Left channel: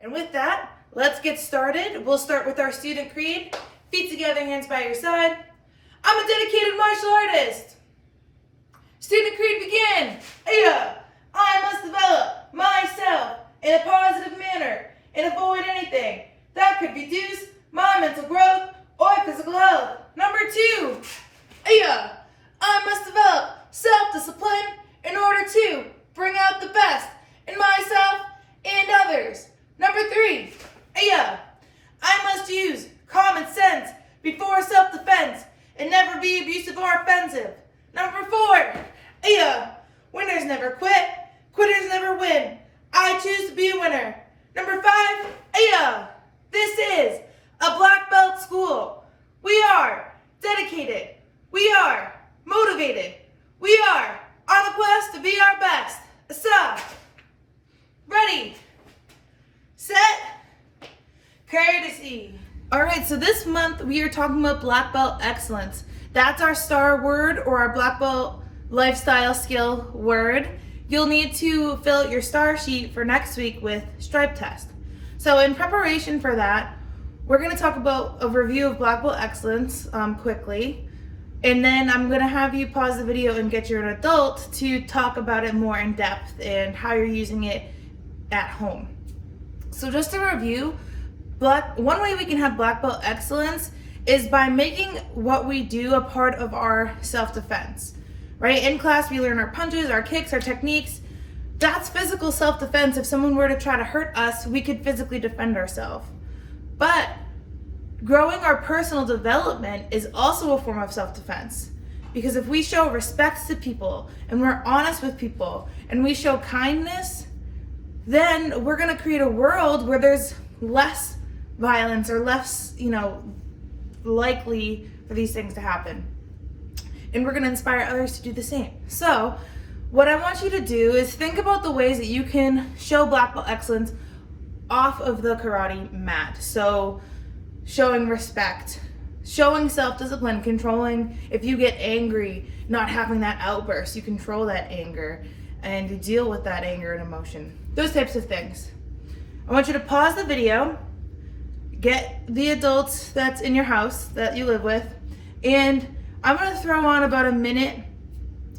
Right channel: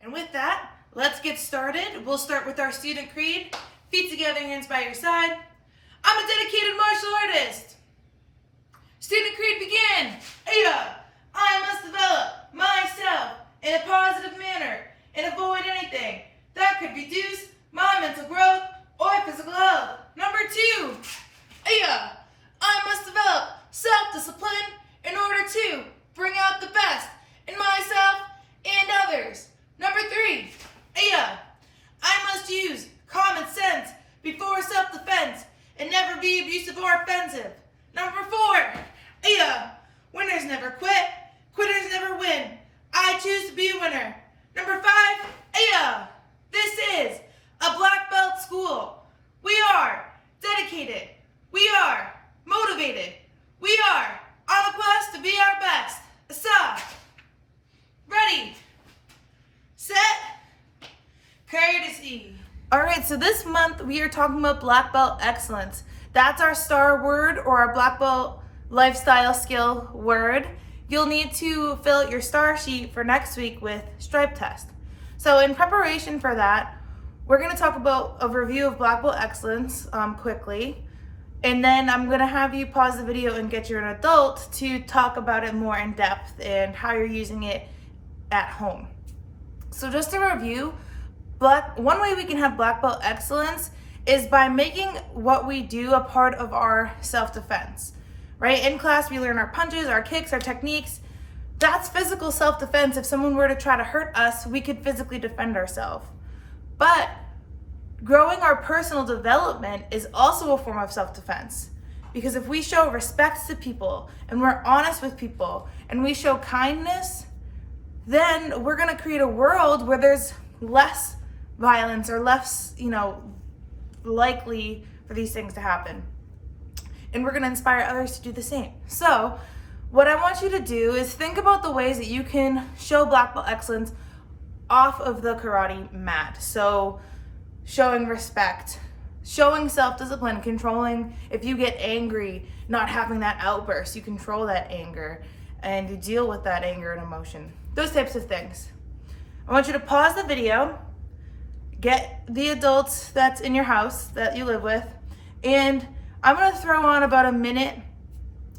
And with that, let's get started. We'll start with our student creed. Feet together, hands by your side. I'm a dedicated martial artist. Student creed begin. I must develop myself in a positive manner and avoid anything that could reduce my mental growth or physical health. Number 2. I must develop self-discipline in order to bring out the best in myself and others. Number 3. I must use common sense before self-defense and never be abusive or offensive. Number 4. Winners never quit, quitters never win. I choose to be a winner. Number 5. This is a black belt school. We are dedicated. We are motivated. We are on a quest to be our best. So, ready, set, courtesy. All right, so this month we are talking about black belt excellence. That's our star word or our black belt lifestyle skill word. You'll need to fill out your star sheet for next week with stripe test. So in preparation for that, we're going to talk about a review of black belt excellence quickly. And then I'm going to have you pause the video and get your adult to talk about it more in depth and how you're using it at home. So just to review, one way we can have black belt excellence is by making what we do a part of our self-defense, right? In class, we learn our punches, our kicks, our techniques. That's physical self-defense. If someone were to try to hurt us, we could physically defend ourselves. But growing our personal development is also a form of self-defense, because if we show respect to people and we're honest with people and we show kindness, then we're going to create a world where there's less violence or less, likely for these things to happen. And we're going to inspire others to do the same. So what I want you to do is think about the ways that you can show black belt excellence off of the karate mat. So showing respect, showing self-discipline, controlling if you get angry, not having that outburst, you control that anger and you deal with that anger and emotion. Those types of things. I want you to pause the video, get the adults that's in your house that you live with, and I'm going to throw on about a minute,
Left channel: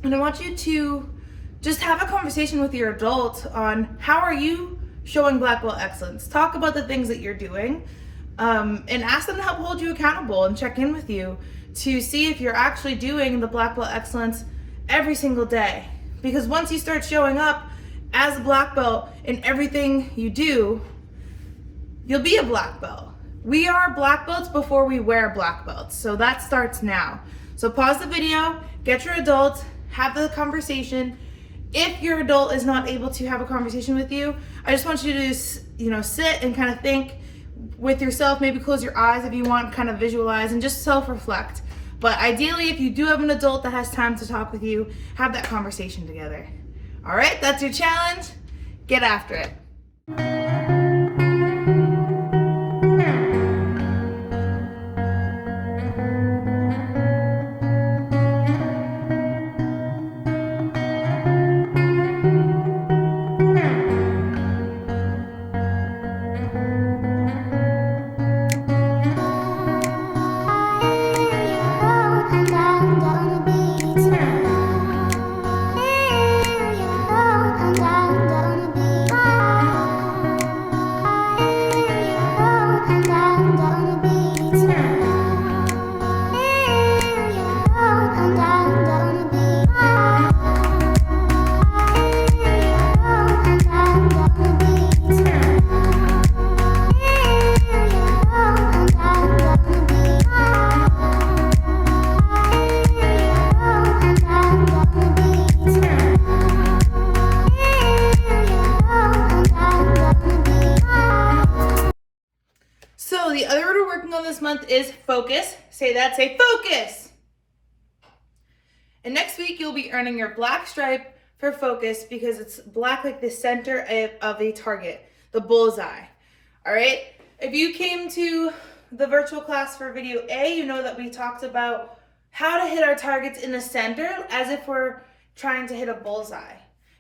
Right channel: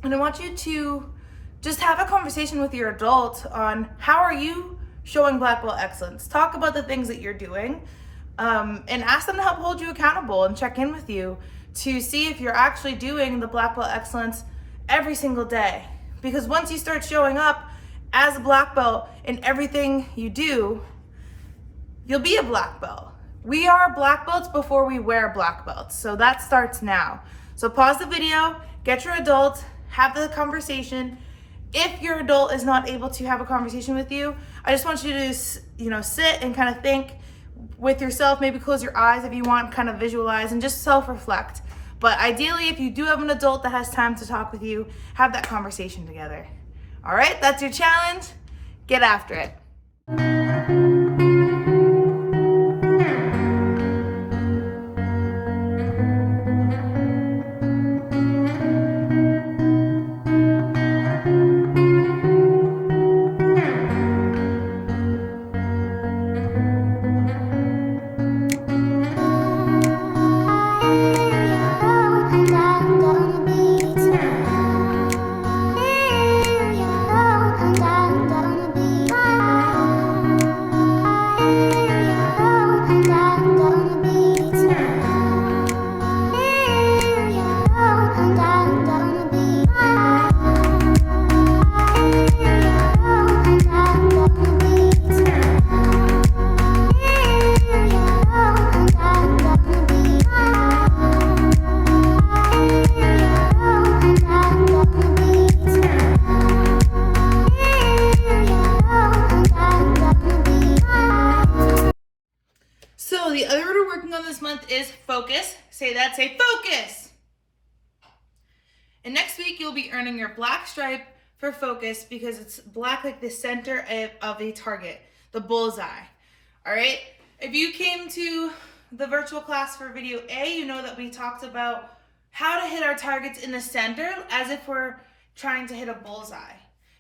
and I want you to just have a conversation with your adult on how are you showing black belt excellence. Talk about the things that you're doing, and ask them to help hold you accountable and check in with you to see if you're actually doing the black belt excellence every single day. Because once you start showing up as a black belt in everything you do, you'll be a black belt. We are black belts before we wear black belts. So that starts now. So pause the video, get your adult, have the conversation. If your adult is not able to have a conversation with you, I just want you to, sit and kind of think with yourself, maybe close your eyes if you want, kind of visualize and just self-reflect. But ideally, if you do have an adult that has time to talk with you, have that conversation together. All right, that's your challenge. Get after it. So the other word we're working on this month is focus. Say that, say focus. And next week you'll be earning your black stripe for focus because it's black like the center of a target, the bullseye. All right. If you came to the virtual class for video A, you know that we talked about how to hit our targets in the center as if we're trying to hit a bullseye.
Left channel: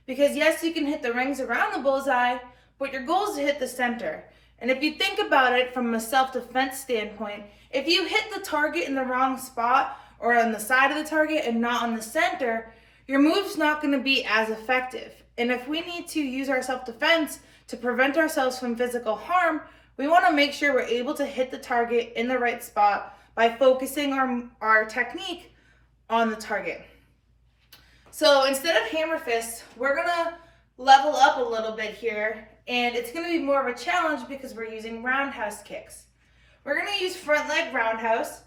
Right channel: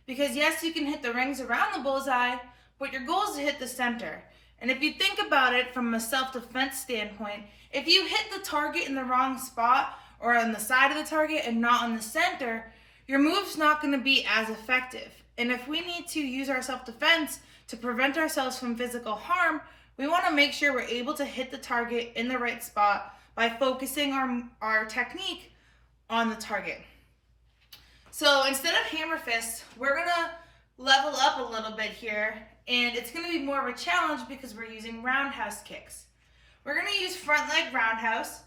Because yes, you can hit the rings around the bullseye, but your goal is to hit the center. And if you think about it from a self-defense standpoint, if you hit the target in the wrong spot or on the side of the target and not on the center, your move's not going to be as effective. And if we need to use our self-defense to prevent ourselves from physical harm, we want to make sure we're able to hit the target in the right spot by focusing our technique on the target. So instead of hammer fists, we're going to level up a little bit here, and it's going to be more of a challenge because we're using roundhouse kicks. We're going to use front leg roundhouse,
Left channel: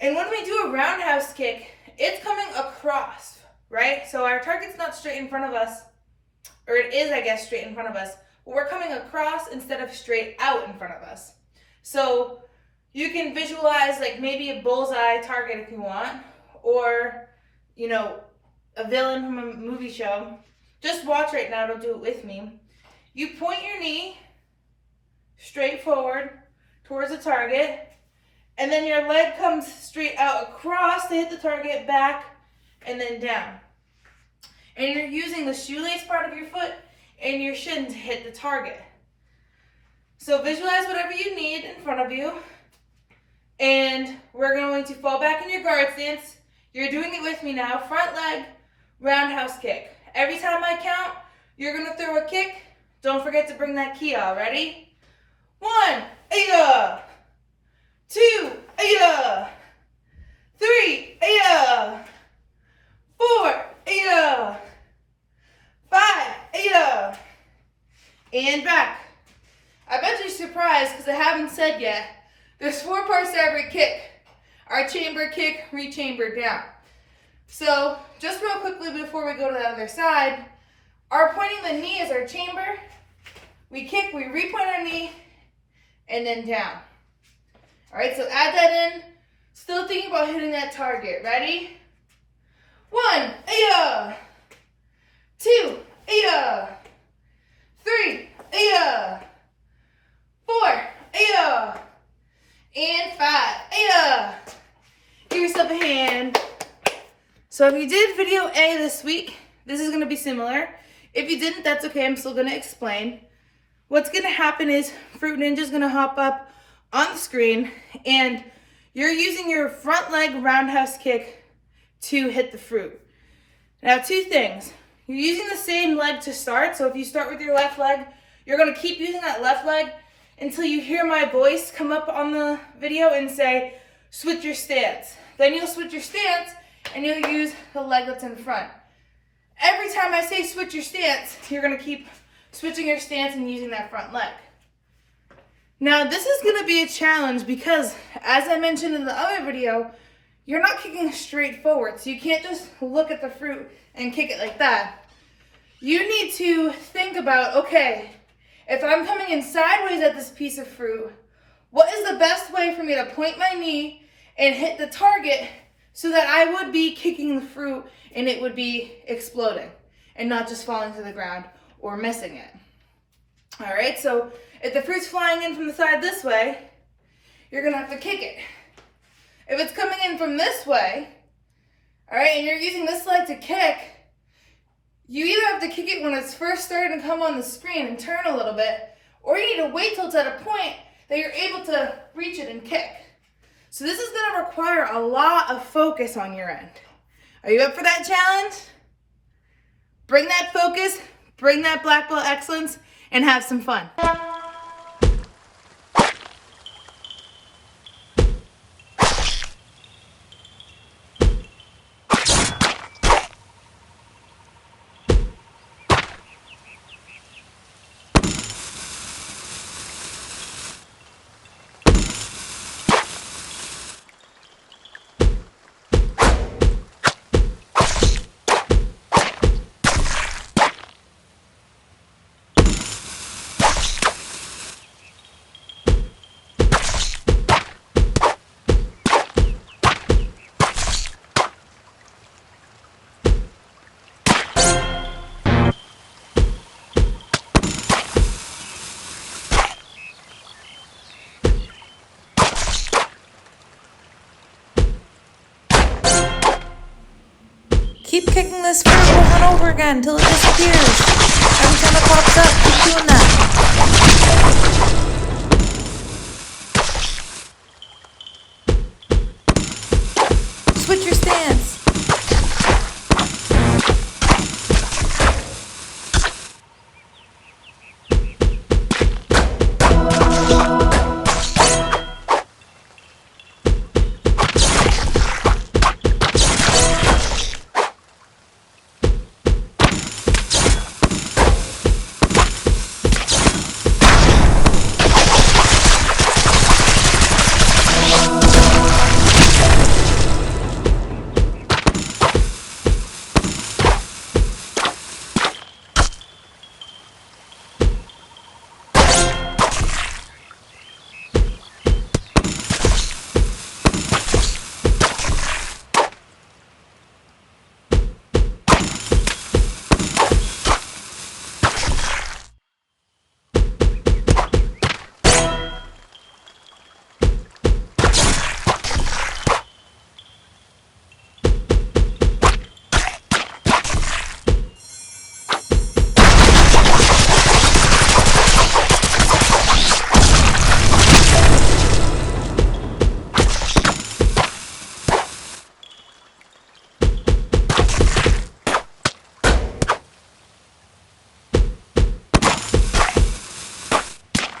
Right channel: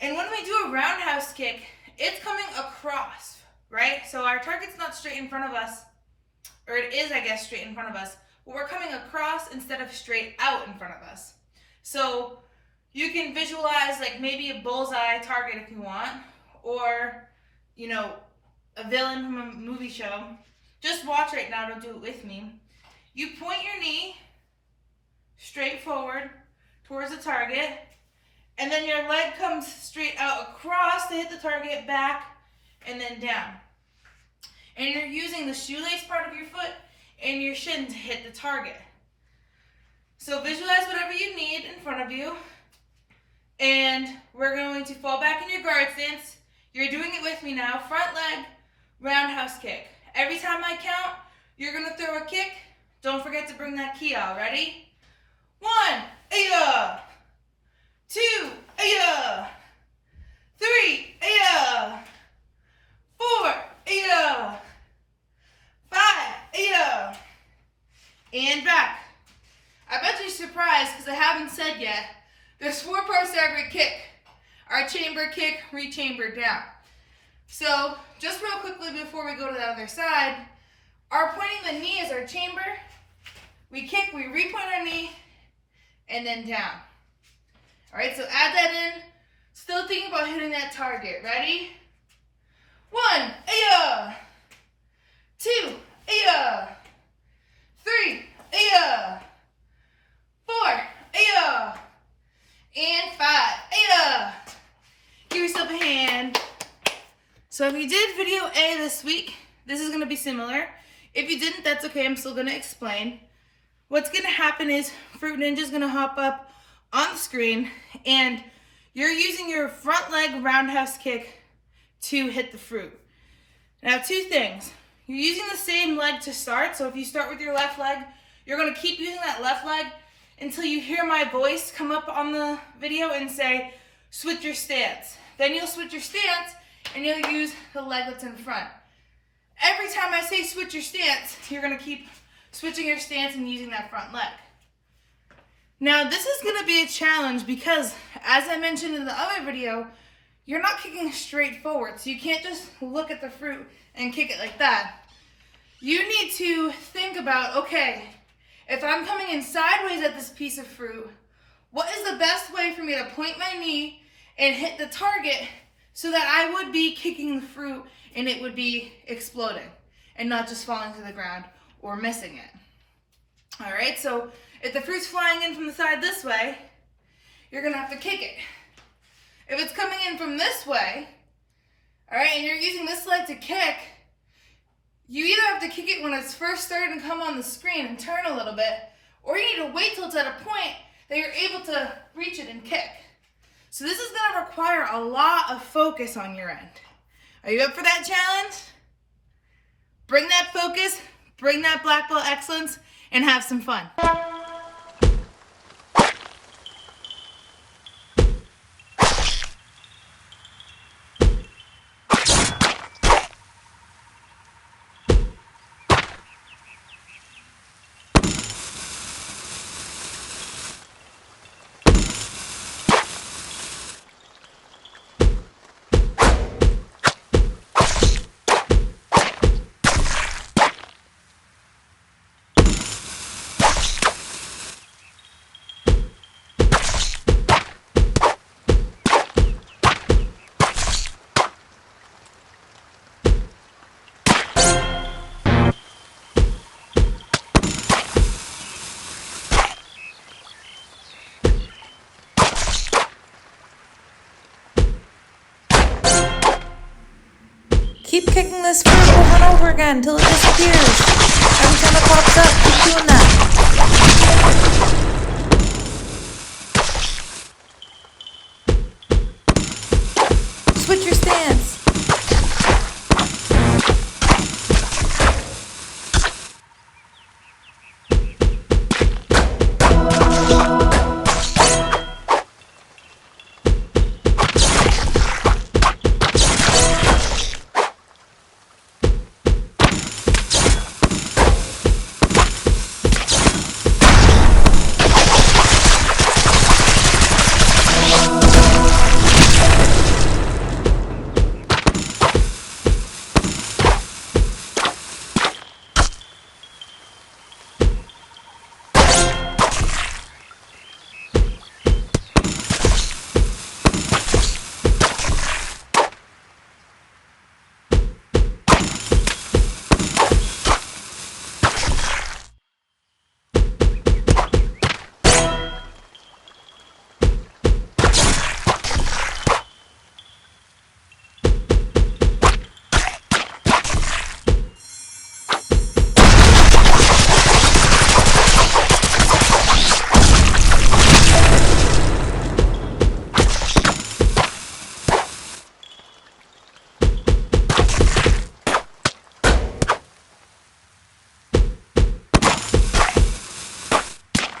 and when we do a roundhouse kick, it's coming across, right? So our target's not straight in front of us, or it is, I guess, straight in front of us, but we're coming across instead of straight out in front of us. So you can visualize like maybe a bullseye target if you want, or, you know, a villain from a movie show. Just watch right now, don't do it with me. You point your knee straight forward towards the target, and then your leg comes straight out across to hit the target, back, and then down. And you're using the shoelace part of your foot and your shin to hit the target. So visualize whatever you need in front of you, and we're going to fall back in your guard stance. You're doing it with me now. Front leg, roundhouse kick. Every time I count, you're going to throw a kick. Don't forget to bring that key out. Ready? 1, 2, 3, 4, 5, and back. I bet you're surprised because I haven't said yet. There's 4 parts to every kick. Our chamber kick, re-chamber down. So just real quickly before we go to the other side, our pointing the knee is our chamber. We kick, we re-point our knee, and then down. All right, so add that in. Still thinking about hitting that target. Ready? 1, 2, 3, 4, and 5. Give yourself a hand. So if you did video A this week, this is going to be similar. If you didn't, that's okay. I'm still going to explain. What's going to happen is Fruit Ninja's going to hop up on the screen, and you're using your front leg roundhouse kick to hit the fruit. Now, 2 things. You're using the same leg to start. So if you start with your left leg, you're going to keep using that left leg until you hear my voice come up on the video and say, switch your stance. Then you'll switch your stance and you'll use the leg that's in front. Every time I say switch your stance, you're going to keep switching your stance and using that front leg. Now, this is going to be a challenge because, as I mentioned in the other video, you're not kicking straight forward. So you can't just look at the fruit and kick it like that. You need to think about, okay, if I'm coming in sideways at this piece of fruit, what is the best way for me to point my knee and hit the target so that I would be kicking the fruit and it would be exploding and not just falling to the ground or missing it. All right, so if the fruit's flying in from the side this way, you're gonna have to kick it. If it's coming in from this way, all right, and you're using this leg to kick, you either have to kick it when it's first starting to come on the screen and turn a little bit, or you need to wait till it's at a point that you're able to reach it and kick. So this is gonna require a lot of focus on your end. Are you up for that challenge? Bring that focus, bring that black belt excellence, and have some fun. Keep kicking this fruit over and over again until it disappears. Every time it pops up, keep doing that. Switch your stance.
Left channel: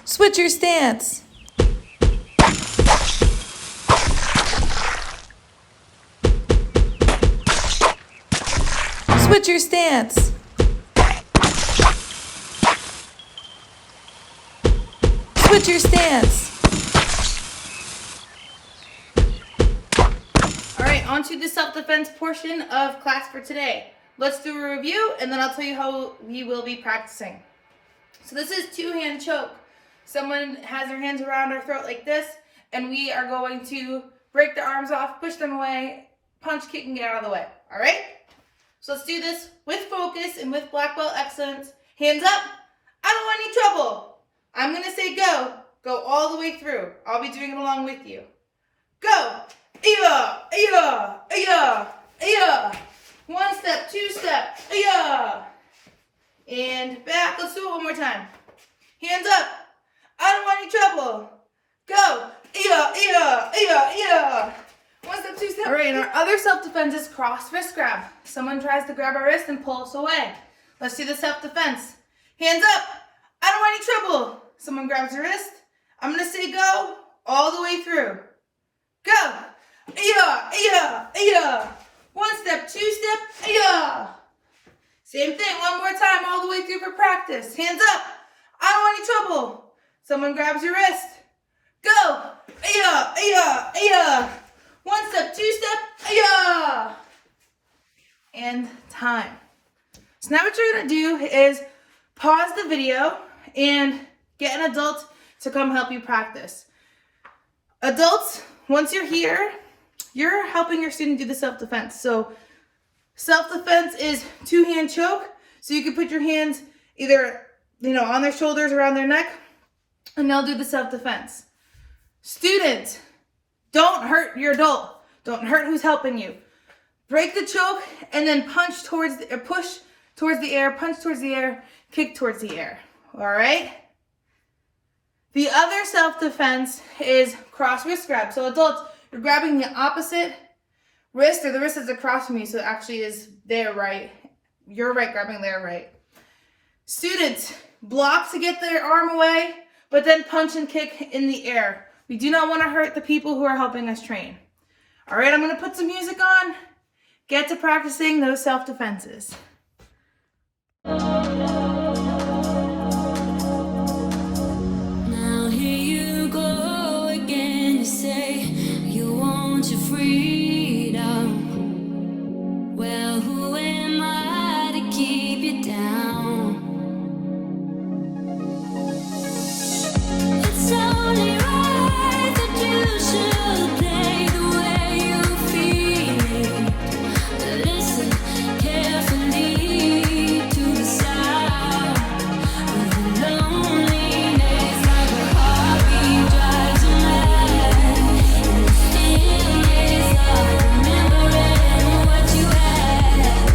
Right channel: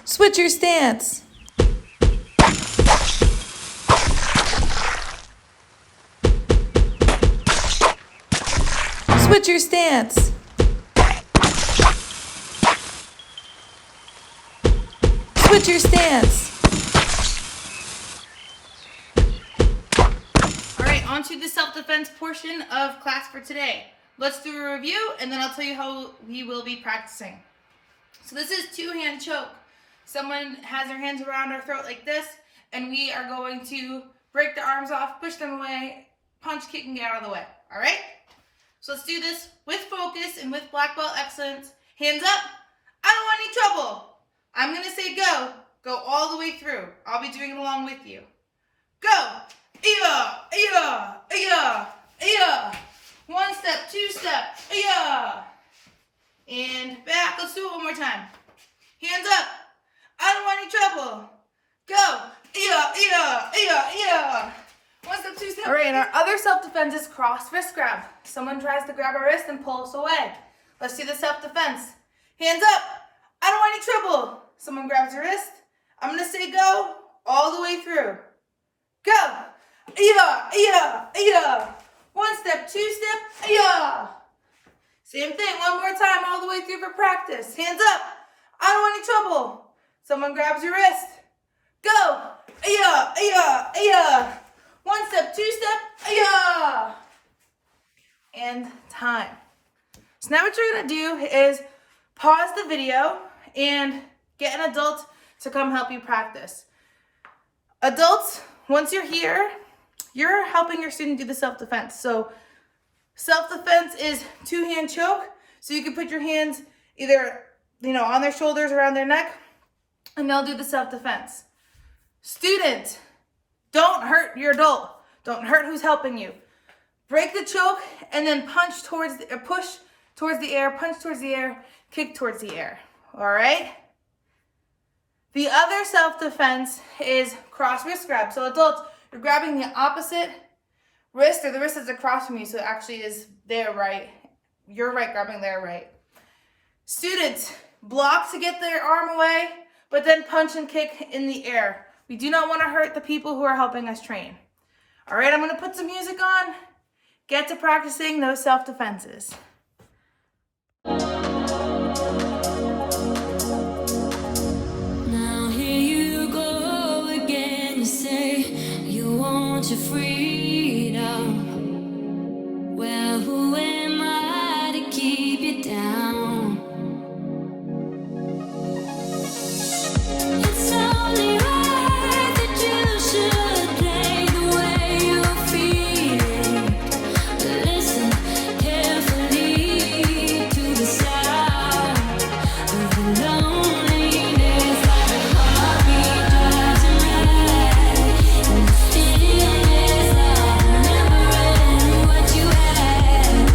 Switch your stance. Switch your stance. Switch your stance. All right, on to the self-defense portion of class for today. Let's do a review and then I'll tell you how we will be practicing. So this is two-hand choke. Someone has their hands around our throat like this, and we are going to break the arms off, push them away, punch, kick, and get out of the way. All right? So let's do this with focus and with black belt excellence. Hands up. I don't want any trouble. I'm going to say go. Go all the way through. I'll be doing it along with you. Go. Iya, iya, iya, iya. One step, two step, iya. And back. Let's do it one more time. Hands up. I don't want any trouble. Go. Yeah, yeah, yeah, yeah. One step, two step. All right, and our other self-defense is cross wrist grab. Someone tries to grab our wrist and pull us away. Let's do the self-defense. Hands up. I don't want any trouble. Someone grabs your wrist. I'm going to say go all the way through. Go. Yeah, yeah, yeah. One step, two step, yeah. Same thing, one more time all the way through for practice. Hands up. I don't want any trouble. Someone grabs your wrist. Go. Yeah, yeah, yeah. One step, two step, yeah. And time. So now what you're going to do is pause the video and get an adult to come help you practice. Adults, once you're here, you're helping your student do the self-defense. So self-defense is two-hand choke. So you can put your hands either, on their shoulders, around their neck, and they'll do the self-defense. Student, don't hurt your adult. Don't hurt who's helping you. Break the choke and then push towards the air, punch towards the air, kick towards the air. All right? The other self-defense is cross wrist grab. So adults, you're grabbing the opposite wrist, or the wrist is across from you, so it actually is their right. Your right grabbing their right. Students, block to get their arm away, but then punch and kick in the air. We do not want to hurt the people who are helping us train. All right, I'm going to put some music on. Get to practicing those self-defenses. Now here you go again. You say you want your freedom. Well, who am I to keep you down? It's only right that you should play the way you feel it. Listen carefully to the sound of the loneliness, like a heartbeat drives you mad. In the stillness of remembering what you had.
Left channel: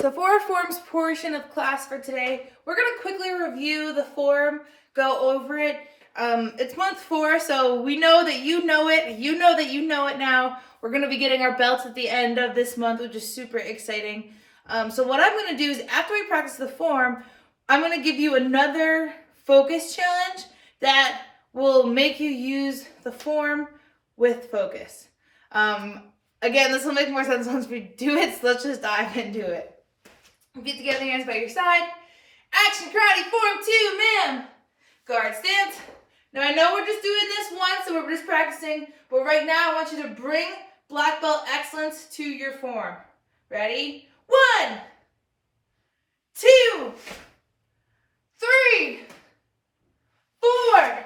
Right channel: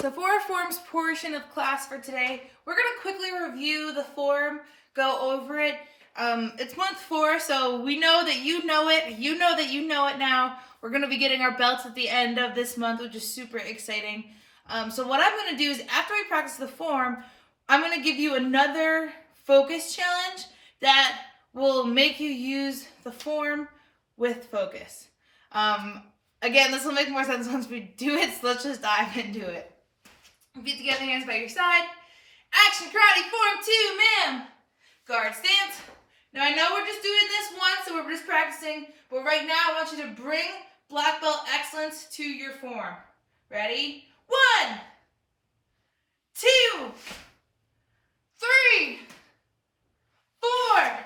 So for our forms portion of class for today, we're going to quickly review the form, go over it. It's month 4, so we know that you know it. You know that you know it now. We're going to be getting our belts at the end of this month, which is super exciting. So what I'm going to do is after we practice the form, I'm going to give you another focus challenge that will make you use the form with focus. Again, this will make more sense once we do it, so let's just dive into it. Get together, hands by your side. Action karate form 2, ma'am. Guard stance. Now I know we're just doing this once, so we're just practicing, but right now I want you to bring black belt excellence to your form. Ready? 1, 2, 3, 4,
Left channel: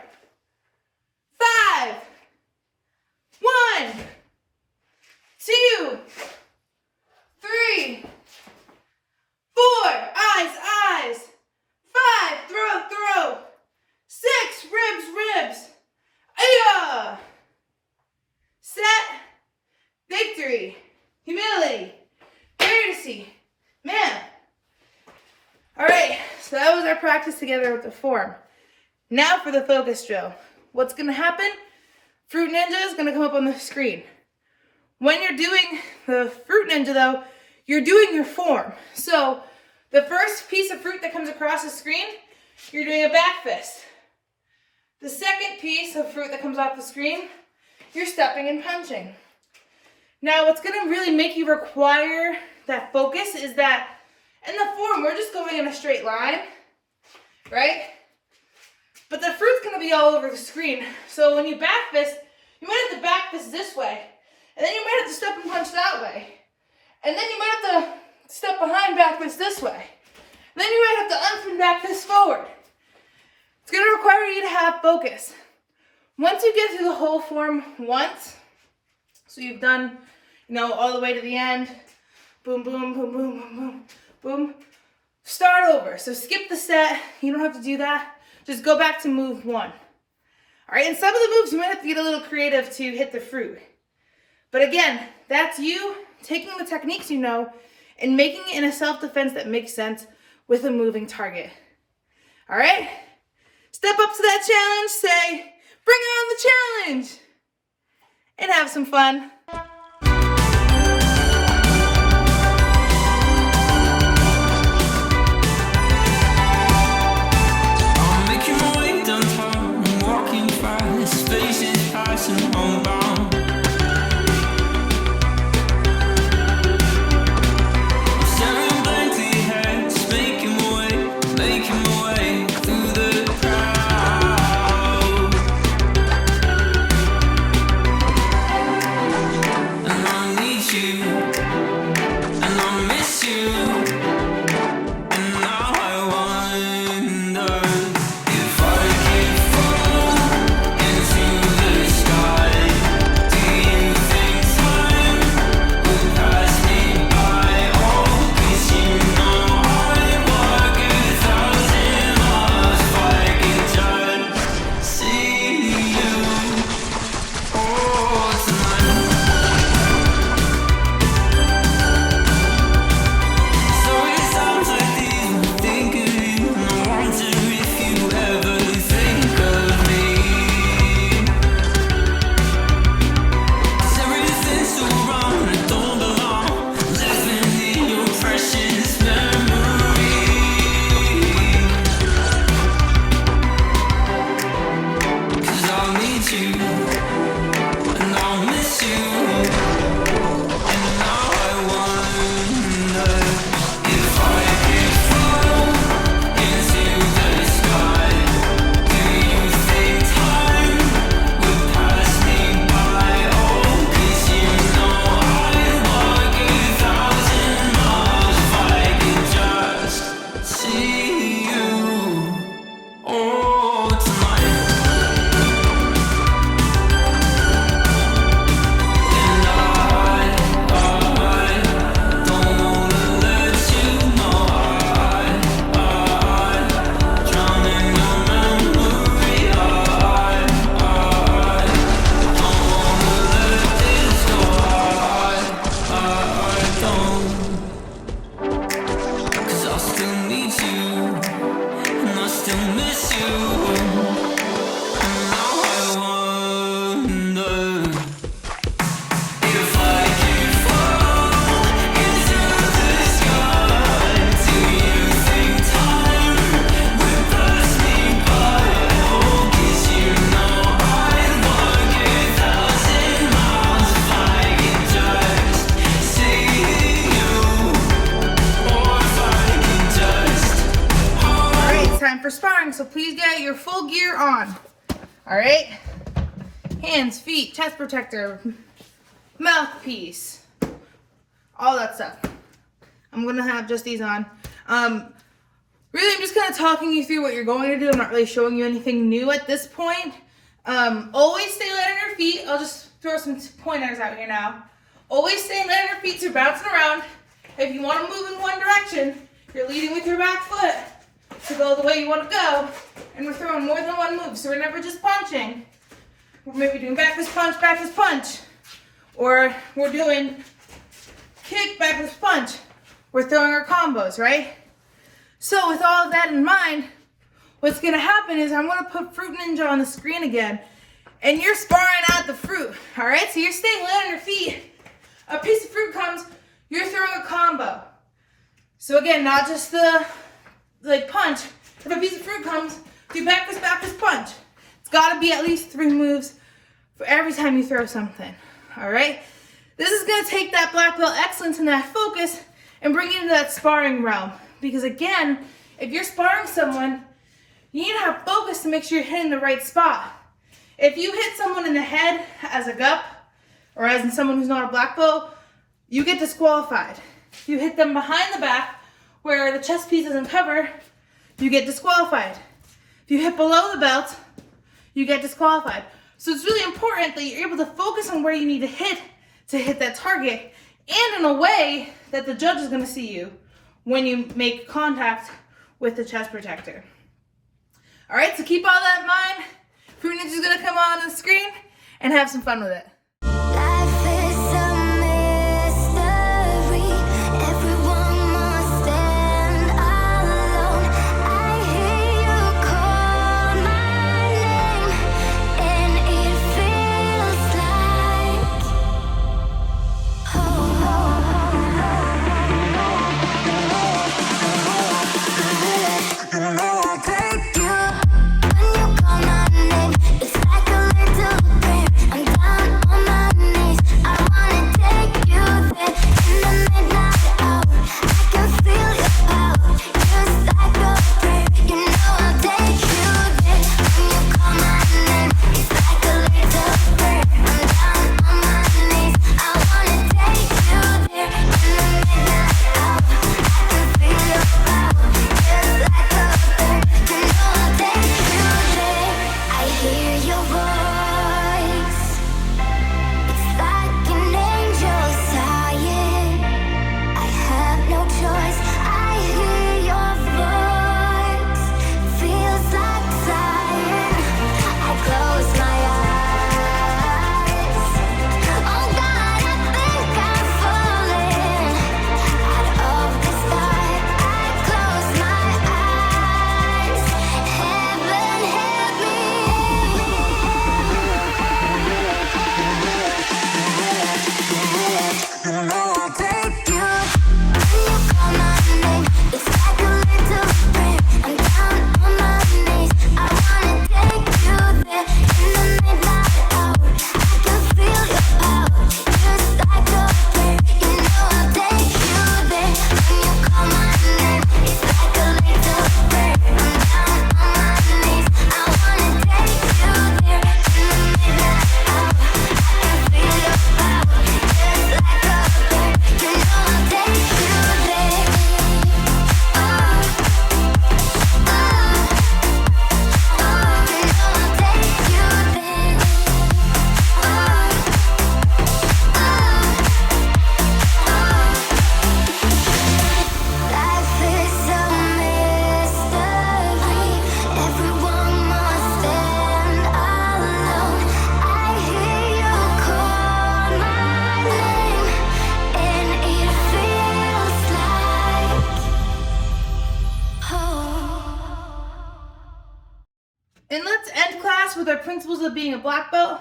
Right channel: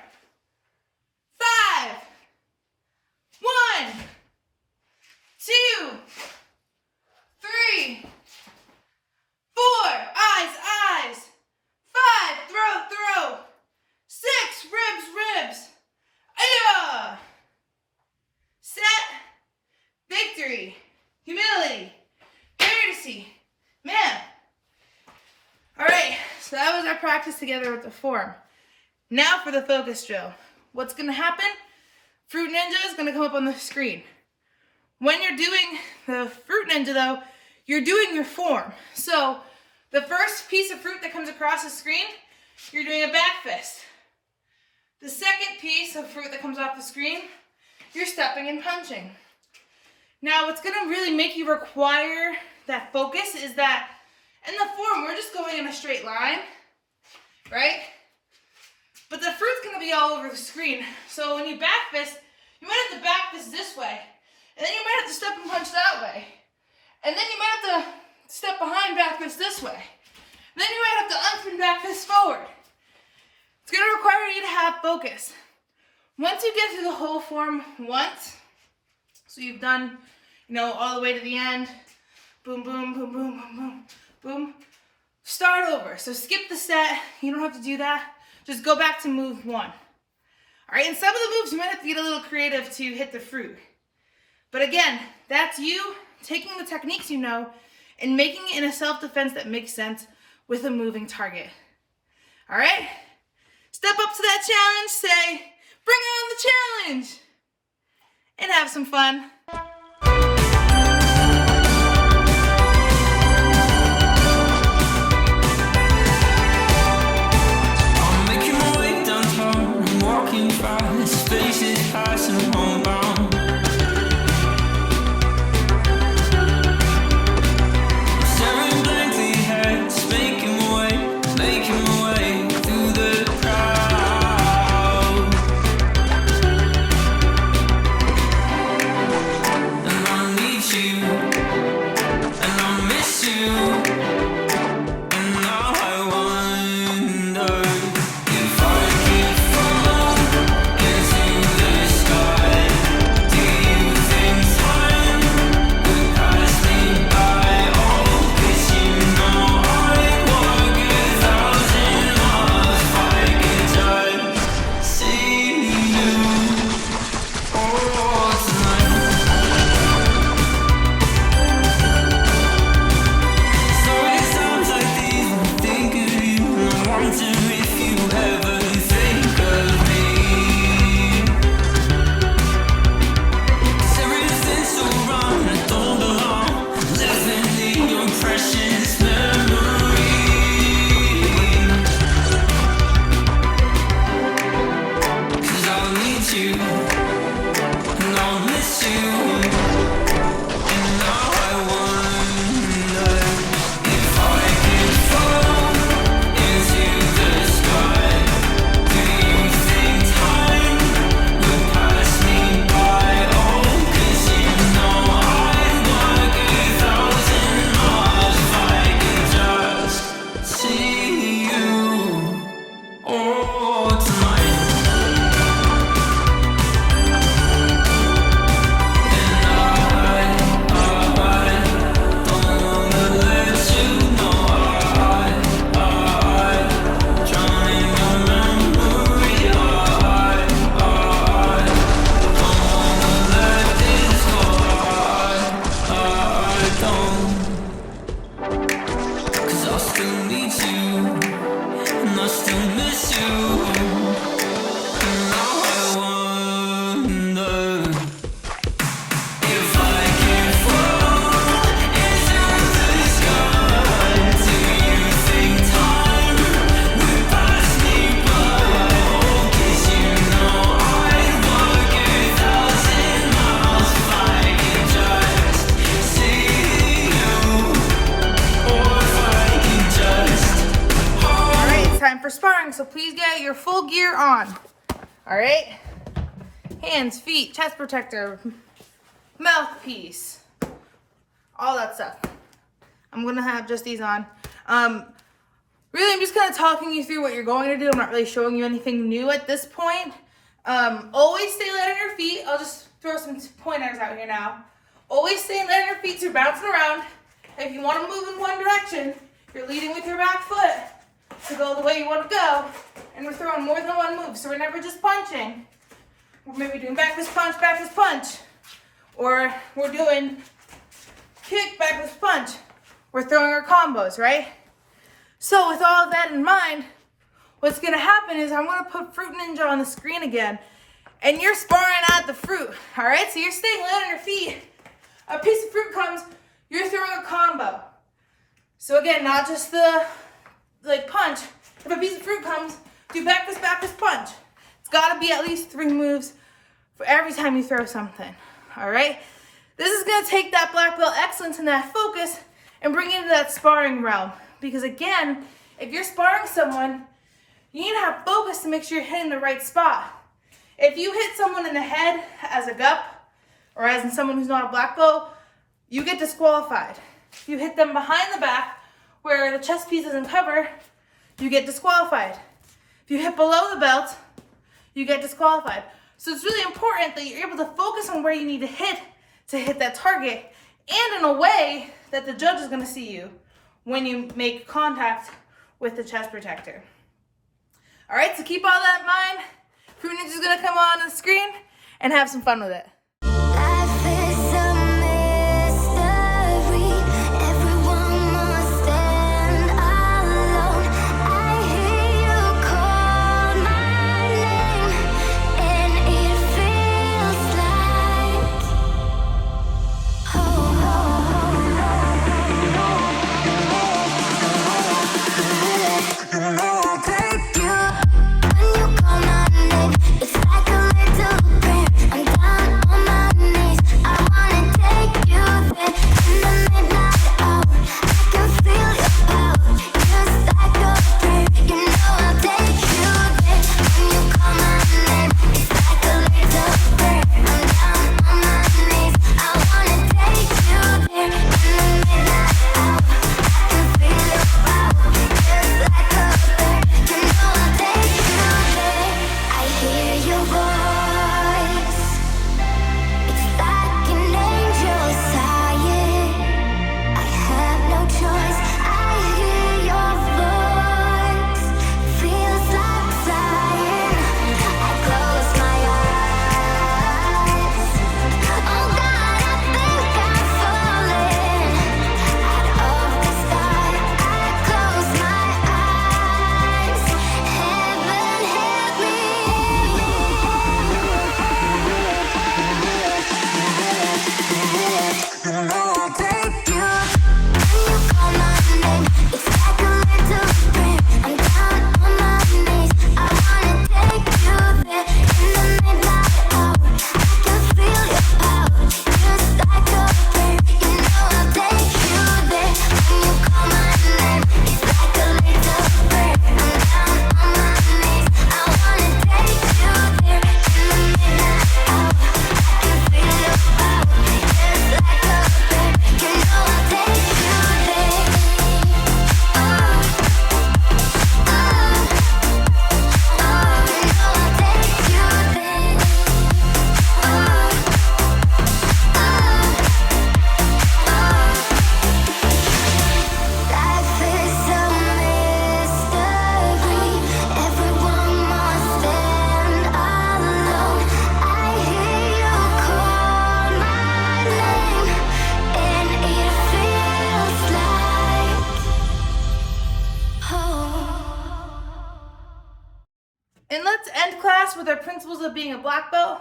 5. 1, 2, 3, 4. Eyes. 5. Throw. 6. Ribs. Aya. Set. Victory. Humility. Courtesy. Man. All right, so that was our practice together with the form. Now for the focus drill. What's going to happen? Fruit Ninja is going to come up on the screen. When you're doing the Fruit Ninja, though, you're doing your form. So the first piece of fruit that comes across the screen, you're doing a back fist. The second piece of fruit that comes off the screen, you're stepping and punching. Now, what's going to really make you require that focus is that in the form, we're just going in a straight line, right? But the fruit's going to be all over the screen. So when you back fist, you might have to back fist this way. And then you might have to step and punch that way. And then you might have to step behind back fist this way. Then you might have to unspin back fist forward. It's going to require you to have focus. Once you get through the whole form once, so you've done, all the way to the end, boom, boom, boom, boom, boom, boom, boom, start over. So skip the set. You don't have to do that. Just go back to move 1. All right, in some of the moves, you might have to get a little creative to hit the fruit. But again, that's you taking the techniques you know and making it in a self-defense that makes sense with a moving target. All right? Step up to that challenge, say, bring on the challenge, and have some fun. I'm making my way downtown, I'm walking fast, faces passing homebound. I'm staring blankly ahead, making my way through the crowd. still need you, and I still miss you. And now I wonder if I can fall into the sky. Do you think time would pass me by? Oh, 'cause you know I'd walk 1,000 miles if I could just see you, or if I could just hold. All right, it's time for sparring, so please get your full gear on. All right, hands, feet, chest protector, mouthpiece, all that stuff. I'm gonna have just these on. Really, I'm just kind of talking you through what you're going to do. I'm not really showing you anything new at this point. Always stay light on your feet. I'll just throw some pointers out here now. Always stay light on your feet so you're bouncing around. If you want to move in one direction, you're leading with your back foot to go the way you want to go. And we're throwing more than one move, so we're never just punching. We're maybe doing back fist punch. Or we're doing kick, back fist punch. We're throwing our combos, right? So with all of that in mind, what's gonna happen is I'm gonna put Fruit Ninja on the screen again, and you're sparring at the fruit, all right? So you're staying light on your feet. A piece of fruit comes, you're throwing a combo. So again, not just the punch. If a piece of fruit comes, do back fist punch. It's gotta be at least 3 moves for every time you throw something, all right? This is gonna take that black belt excellence and that focus and bring it into that sparring realm. Because again, if you're sparring someone, you need to have focus to make sure you're hitting the right spot. If you hit someone in the head as a gup, or as in someone who's not a black belt, you get disqualified. If you hit them behind the back, where the chest piece isn't covered, you get disqualified. If you hit below the belt, you get disqualified. So it's really important that you're able to focus on where you need to hit that target, and in a way that the judge is gonna see you when you make contact with the chest protector. All right, so keep all that in mind. Fruit Ninja's gonna come on the screen and have some fun with it. Life is a mystery. Everyone must stand alone. I hear you call my name, and it feels like you know I'll take you. When you call my name, it's like a little prayer. I'm down with our principles of being a black belt.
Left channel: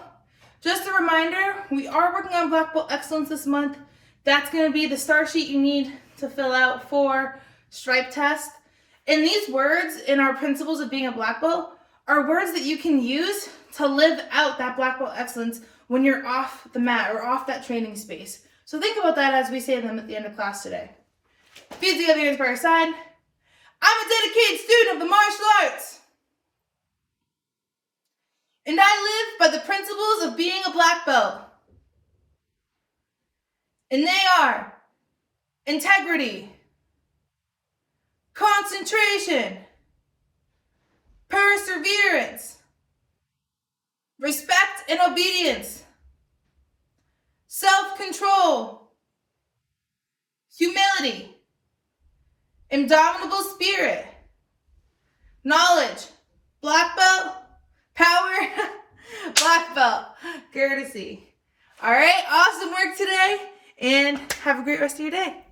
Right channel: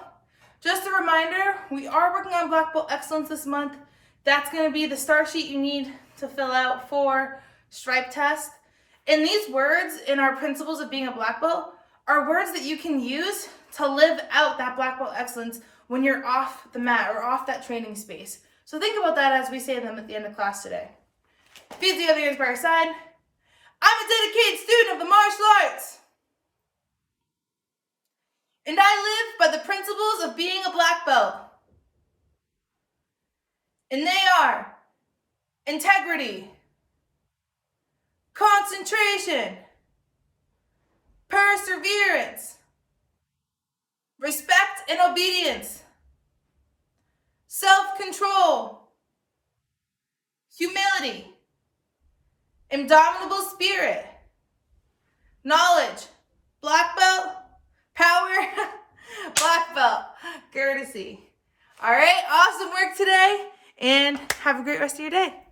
Just a reminder, we are working on black belt excellence this month. That's going to be the star sheet you need to fill out for stripe test. And these words in our principles of being a black belt are words that you can use to live out that black belt excellence when you're off the mat or off that training space. So think about that as we say them at the end of class today. Feet together, hands by your side. I'm a dedicated student of the martial arts. And I live by the principles of being a black belt. And they are integrity, concentration, perseverance, respect and obedience, self-control, humility, indomitable spirit, knowledge, black belt, power, black belt, courtesy. All right, awesome work today, and have a great rest of your day.